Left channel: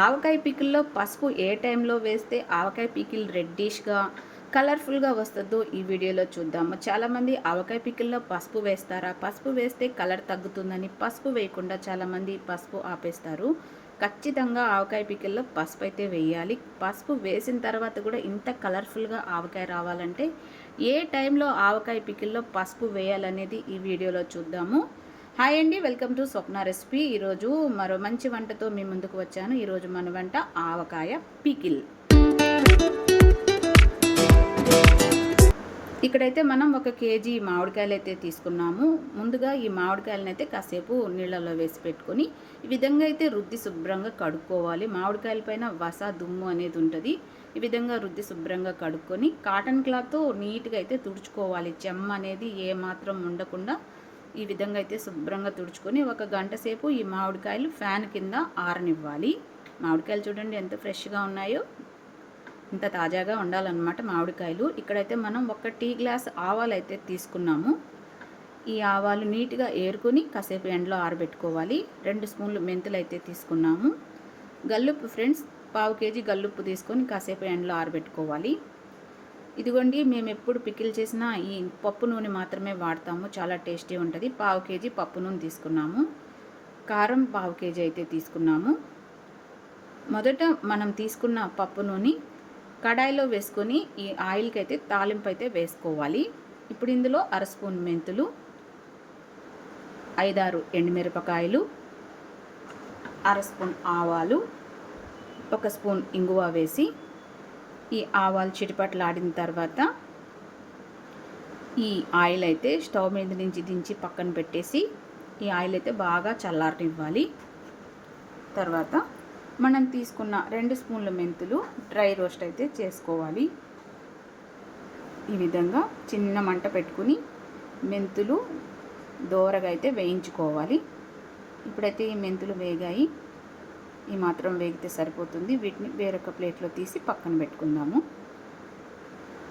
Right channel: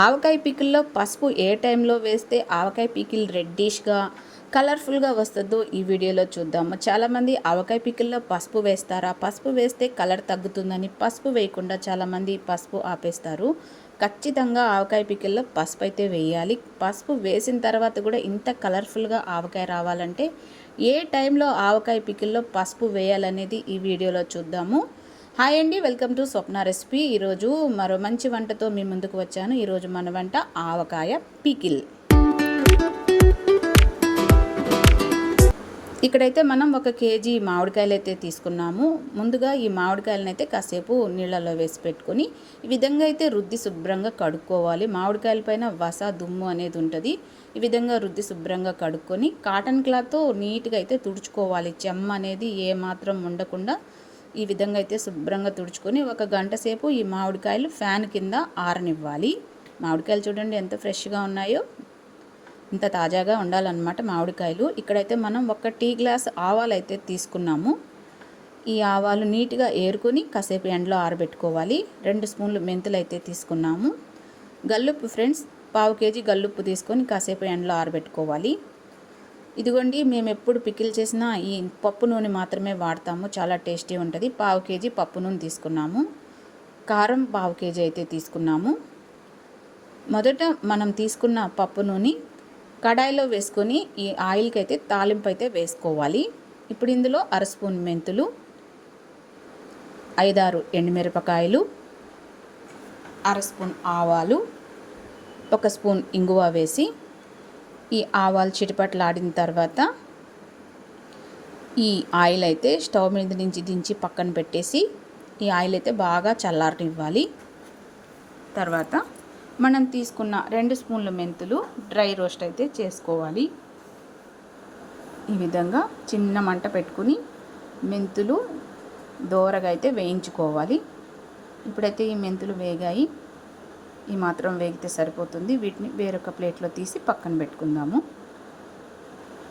ఆవకాయ పికిల్లో పసుపు ఏ టైంలో వేస్తే ఆవకాయ పికిల్ రెడ్డిష్గా కలర్ఫుల్గా వస్తుందో ఈ వీడియోలో చూద్దాము. చాలామంది ఆవకాయ పికిల్లో పసుపు వేస్తారా, పసుపు వేస్తే కలర్ తగ్గుతుందని పసుపు వేయకుండా చాలామంది పసుపు ఆపేస్తారు. ఖచ్చితంగా ఆవకాయ పికిల్లో పసుపు అయితే వేయాలి. పసుపు వేసిన తర్వాత కూడా ఇంత కలర్ఫుల్గా ఆవకాయ రావాలంటే ఏ టైంలో ఆవకాయ పికిల్లో పసుపు వేయాలనేది ఈ వీడియోలో చూద్దాము. హాయ్ అండి, వెల్కమ్ టు స్వప్న రెసిపీ. ఈరోజు మరో మంచి వంటతో మీ ముందుకు వచ్చాను. ఈరోజు మన వంట ఆవకాయ పికిల్. ఇక్కడైతే మనం 1 కేజీ మామిడికాయలు అయితే తీసుకున్నాము. ముందుగా ఈ మామిడికాయలను అయితే కాసేపు నీళ్ళలో వేసి పెట్టుకొని ఈ విధంగా అయితే రుద్ది శుభ్రంగా కడుక్కోవాలి. మామిడికాయల పైన వస దుమ్ము అనేది ఉంటుంది. ఈ విధంగా రుద్ది శుభ్రంగా కడుక్కొని కాటన్ క్లాత్తో నీట్గా అయితే తుడుచుకోవాలి. చెమ్మ అనేది ఏమాత్రం ఉండకుండా ఈ విధంగా అయితే శుభ్రంగా తుడుచుకొని 1 గంట సేపు ఈ మామిడికాయలు ఫ్యాన్ కింద ఆరనివ్వాలి. మామిడికాయలు చూడండి ఎంత ఫ్రెష్గా ఉన్నాయో, ఇంత తాజాగా ఉండాలన్నమాట మామిడికాయలు. ఇక్కడైతే మనం 1 టీ గ్లాస్ ఆవాలు అయితే తీసుకున్నాము. ఈ ఆవాలు నీట్గా ఏరుకొని కాసేపు ఎండలో ఆరబెట్టుకోవాలి. 2 స్పూన్లు మెంతులు అయితే తీసుకున్నాము. గల్లుప్పు ఫ్రెండ్స్, 1/2 కేజీ గల్లుప్పు తీసుకొని కాసేపు ఎండలో ఆరబెట్టుకోవాలి. ఇదిగోండి, మేము ఎప్పుడు పికిల్ చేసినా ఈ పప్పు నూనె మాత్రమే వాడతాము. చాలా టేస్టీ ఉంటుంది. 1/2 కేజీ పప్పు నూనె తీసుకున్నాము. కారం 1/2 కేజీ అయితే తీసుకున్నాము. మొదట మనం తీసుకున్న పప్పు నూనె కడాయిలో వేసుకొని ఈ ఆయిల్కి అయితే తాలింపు అయితే వేసుకోవాలి. ఇప్పుడు ఇందులో 1/2 స్పూన్ మెంతులు, 5-6 ఎండుమిరపకాయలు, 1/2 స్పూన్ ఆవాలు, 1 స్పూన్ ఇంగువ వేసి ఈ ఆవాలు చిటిపట్లాడిన తర్వాత ఈ ఆయిల్ అయితే స్టవ్ మీద నుంచి దించి పక్కన పెట్టేసి ఈ ఆయిల్ అయితే బాగా చల్లారనివ్వాలి. తర్వాత మనం తీసుకున్న 2 స్పూన్ల మెంతులు డ్రై రోస్ట్ అయితే చేసుకోవాలి. ఈ విధంగా చిన్న మంట పెట్టుకుని మెంతులు దోరగా అయితే వేయించుకోవాలి. ఇప్పుడైతే ఈ మెంతులు వేగాయి. ఈ మాత్రం వేగితే సరిపోతుంది. వీటిని వేరొక ప్లేట్లో తీసి పక్కన పెట్టుకుందాము.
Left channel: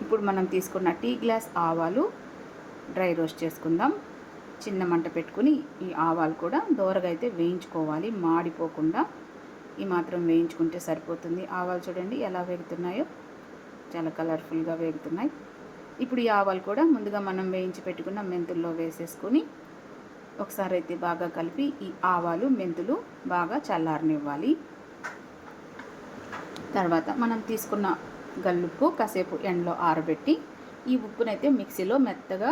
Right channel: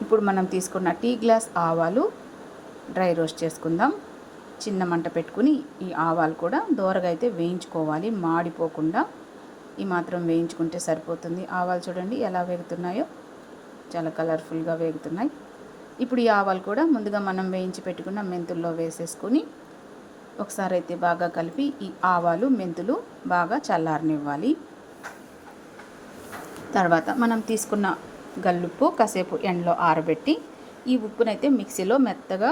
ఇప్పుడు మనం తీసుకున్న టీ గ్లాస్ ఆవాలు డ్రై రోస్ట్ చేసుకుందాం. చిన్న మంట పెట్టుకుని ఈ ఆవాలు కూడా దోరగా అయితే వేయించుకోవాలి, మాడిపోకుండా. ఈ మాత్రం వేయించుకుంటే సరిపోతుంది. ఆవాలు చూడండి ఎలా వేగుతున్నాయో, చాలా కలర్ఫుల్గా వేగుతున్నాయి. ఇప్పుడు ఈ ఆవాలు కూడా ముందుగా మనం వేయించి పెట్టుకున్న మెంతుల్లో వేసేసుకొని ఒకసారి అయితే బాగా కలిపి ఈ ఆవాలు మెంతులు బాగా చల్లారనివ్వాలి. తర్వాత మనం తీసుకున్న గల్లుప్పు కాసేపు ఎండలో ఆరబెట్టి ఈ ఉప్పునైతే మిక్సీలో మెత్తగా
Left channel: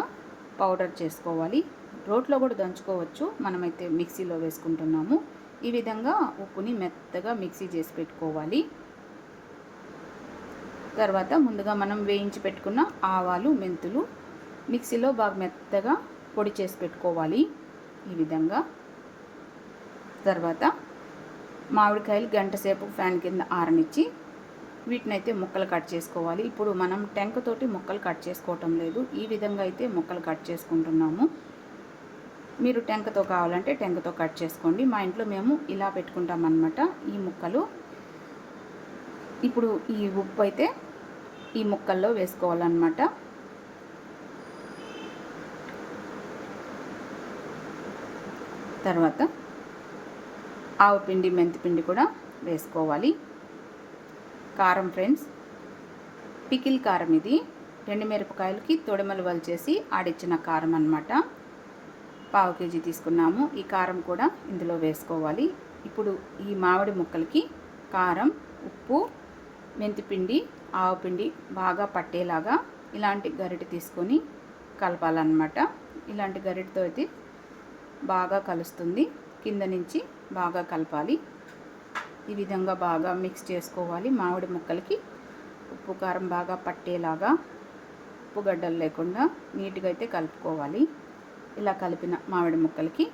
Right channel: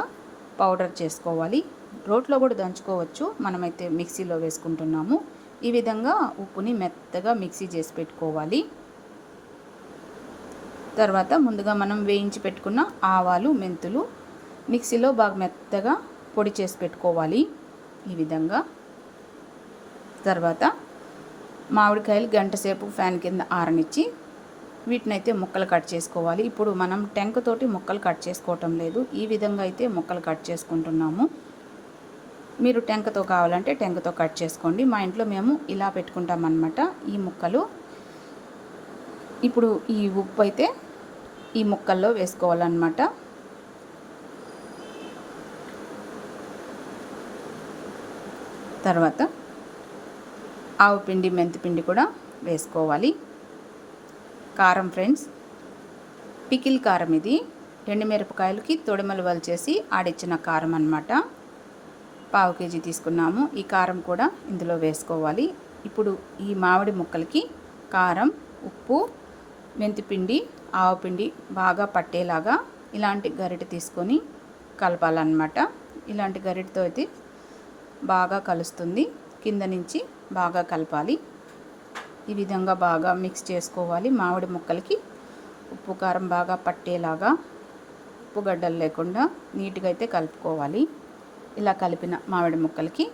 పౌడర్ చేసుకోవాలి. రోట్లో కూడా దంచుకోవచ్చు, మనమైతే మిక్సీలో వేసుకుంటున్నాము. ఈ విధంగా ఉప్పుని మెత్తగా మిక్సీ చేసి పెట్టుకోవాలి. తర్వాత ముందుగా మనం వేయించి పెట్టుకున్న ఆవాలు మెంతులు మిక్సీలో బాగా మెత్తగా పొడి చేసి పెట్టుకోవాలి. ఈ విధంగా తర్వాత మామిడికాయలు గంట సేపు ఫ్యాన్ కింద ఆరనిచ్చి వీటినైతే ముక్కలు కట్ చేసుకోవాలి. ఇప్పుడు మనం టెంకతోటి ముక్కలు కట్ చేసుకోవటం లేదు, ఈ విధంగా అయితే ముక్కలు కట్ చేసుకుంటున్నాము. మీరు టెంకతో కావాలంటే టెంకతో కట్ చేసుకోండి. మా ఇంట్లో మేము ఇలా పెట్టుకుంటామన్నమాట ఈ ముక్కలు. ఇప్పుడు ఈ ఉప్పు అయితే ఈ ముక్కల్లో వేసుకోవాలన్నమాట. తర్వాత ఆవుపిండి మెంతిపిండి కూడా వేసుకోవాలి. కారం ఫ్రెండ్స్, పికిల్ కారం ఇది. ఎండుమిరపకాయలకి తొడిమలు వలిచేసి ఆడిచ్చిన కారం అన్నమాట. 1/2 కేజీ తీసుకున్నాము. ఈ కారం కూడా ఇందులో వేసుకోవాలి. ఇప్పుడు ఈ మామిడి ముక్కలకి కారం, ఉప్పు, మెంతిపిండి, ఆవుపిండి బాగా పట్టేలాగా ఇలాంటి గరిటె తీసుకొని కలపాలన్నమాట. ఇలాంటి గరిటెతో అయితే బాగా కలుస్తుంది. కింద నుంచి బాగా కలపాలి. ఈ విధంగా బాగా మిక్స్ చేసుకోవాలి. మామిడి ముక్కలకి ఉప్పు కారం బాగా పట్టేలాగా, ఉప్పు గడ్డలు లేకుండా నీట్గా అయితే కలుపుకోవాలి. ఇలా కలిపిన మామిడి ముక్కలకి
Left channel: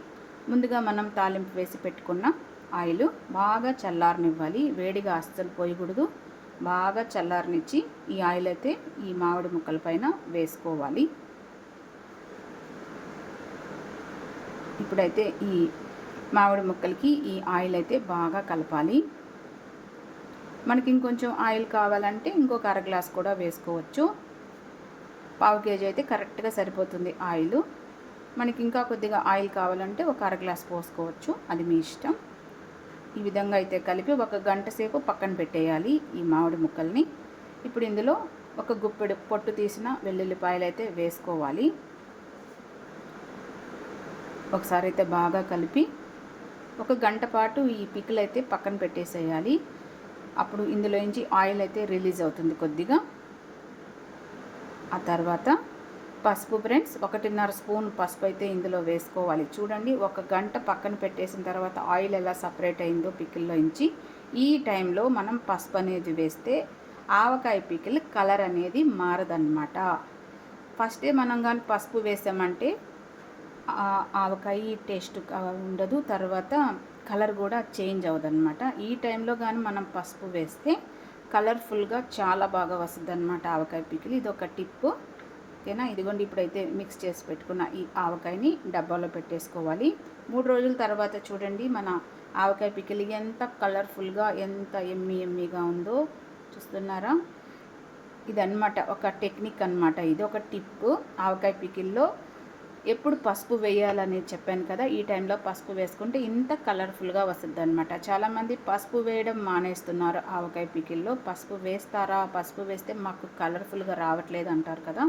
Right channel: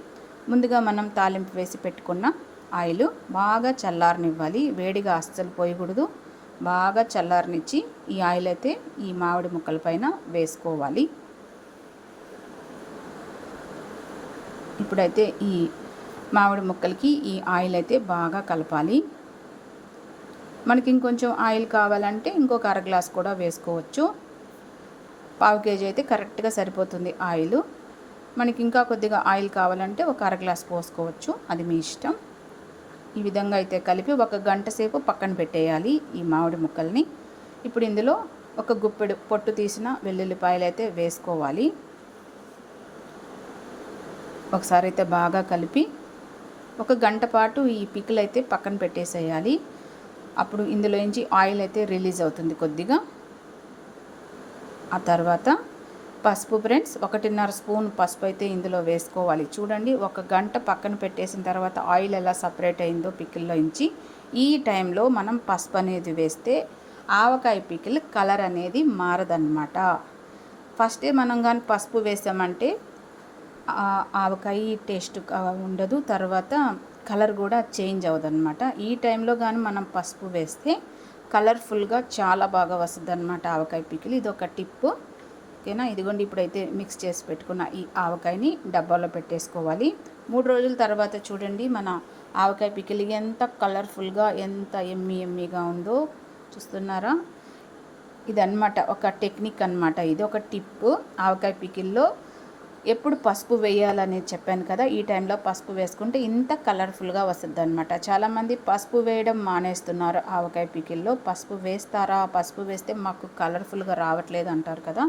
ముందుగా మనం తాలింపు వేసి పెట్టుకున్న ఆయిల్ బాగా చల్లారనివ్వాలి. వేడిగా అస్సలు పోయకూడదు. బాగా చల్లారనిచ్చి ఈ ఆయిల్ అయితే ఈ మామిడి ముక్కల పైన వేసుకోవాలి. ఇప్పుడైతే ఈ మామిడి ముక్కలకి ఈ ఆయిల్ అయితే బాగా కలపాలి. మనకి ఇంకొంచెం ఆయిల్ కావాలంటే ఇంకొక 1/2 గ్లాస్ కూడా వేసుకోవచ్చు. 1/2 కేజీ అయితే కరెక్ట్గా సరిపోతుంది ఆయిల్. మనకి ఇంకా కొద్దిగా ఆయిల్ కావాలంటే ఒక 1/2 గ్లాస్ పోసుకోవచ్చు, అది మీ ఇష్టం. ఈ విధంగా అయితే కలిపి ఒక గంట సేపు పక్కన పెట్టేయాలి ఈ మామిడి ముక్కల్ని. ఇప్పుడు ఇందులో ఒక గుప్పెడు పొట్టు తీసిన వెల్లుల్లిపాయలు అయితే వేసుకోవాలి. ఒకసారి అయితే బాగా కలిపి ఒక గంట పాటు ఈ పికిల్ అయితే పక్కన పెట్టేసేయాలి. అప్పుడు ఇందులోంచి ఆయిల్ అయితే రిలీజ్ అవుతుంది కొద్దిగా. ఆ తర్వాత పసుపు ఫ్రెండ్స్, 1.5 స్పూన్ పసుపు అయితే ఇందులో వేసుకోవాలి. చూడండి, ఒక గంట పక్కన పెట్టేసిన తర్వాత ఆయిల్ ఎలా సపరేట్ అయిందో పికిల్లో ఇంచి. ఈ టైంలో మనం పసుపు అనేది వేస్తే ఆవకాయ పికిల్ కలర్ అనేది మారదన్నమాట. ఫస్టే మనం కానీ పసుపు వేసామంటే ఆవకాయ టేస్ట్ ఉండదు, తర్వాత కలర్ కూడా చేంజ్ అవ్వదన్నమాట. ఈ టైంలో కానీ మనం పసుపు వేస్తే కలర్ఫుల్గా చాలా బాగా వస్తుంది అన్నమాట ఆవకాయ పికిల్. ఇది ఒక టిప్పు, ఓకేనా. ఇదిగోండి, ఇప్పుడైతే మిక్స్ చేసి పెట్టుకున్న ఈ ఆవకాయని డబ్బాలో పెట్టేసుకోవాలి. 3 రోజుల తర్వాత చూడండి మన ఆవకాయ పికిల్ ఎంత కలర్ఫుల్గా, ఎంత ఎమ్మీగా ఉందో చూస్తున్నారా. ఇదన్నమాట ఒక టెక్నిక్ అన్నమాట, ఇది ఒక టిప్పు. ఆవకాయ పికిల్లో ఎప్పుడు పసుపు వేయాలనేది చెప్పాను కదా, ఈ టైంలో పసుపు వేసుకుంటే ఇంత కలర్ఫుల్గా వస్తుంది అనమాట. చాలామంది పసుపు వేయడం మానేస్తున్నారు ఆవకాయ పికిల్లో. పసుపు వేస్తారా, పసుపు వేస్తే మాకు కలర్ఫుల్గా రావట్లేదు అంటారు కదా.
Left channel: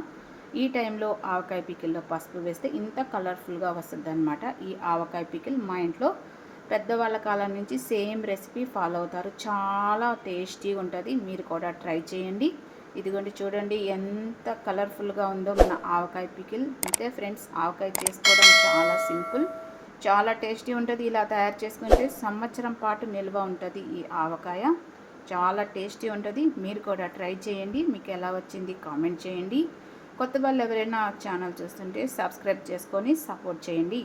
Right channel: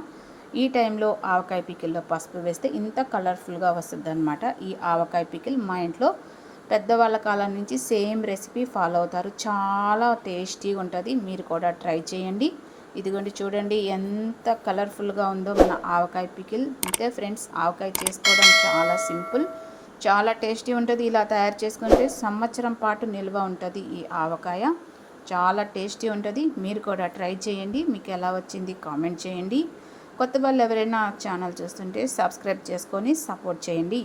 ఈ టైంలో ఆవకాయ పికిల్లో పసుపు వేస్తే ఇంత కలర్ఫుల్గా వస్తుంది అనమాట ఈ ఆవకాయ పికిల్. మా ఇంట్లో పెద్దవాళ్ళ కాలం నుంచి సేమ్ రెసిపీ ఫాలో అవుతారు, చాలా టేస్టీగా ఉంటుంది. మీరు కూడా ట్రై చేయండి. ఇదిగోండి, చూడండి ఎంత కలర్ఫుల్గా ఉందో మన ఆవకాయ పికిల్. అంతే ఫ్రెండ్స్, ఆవకాయ చేసుకోవడం చాలా సింపుల్, చాలా టేస్టీ ఉంటుంది. ఇలా తయారు చేసుకుంటే సంవత్సరం పాటు నిల్వ ఉంటుంది ఈ ఆవకాయ. చాలా టేస్టీ ఉంటుంది. మీరు కూడా ట్రై చేయండి. మీకు ఎలా వచ్చింది కామెంట్ చేయండి. కొత్త వాళ్ళు ఎవరైనా ఛానల్ చూస్తుంటే సబ్స్క్రైబ్ చేసుకొని సపోర్ట్ చేయండి.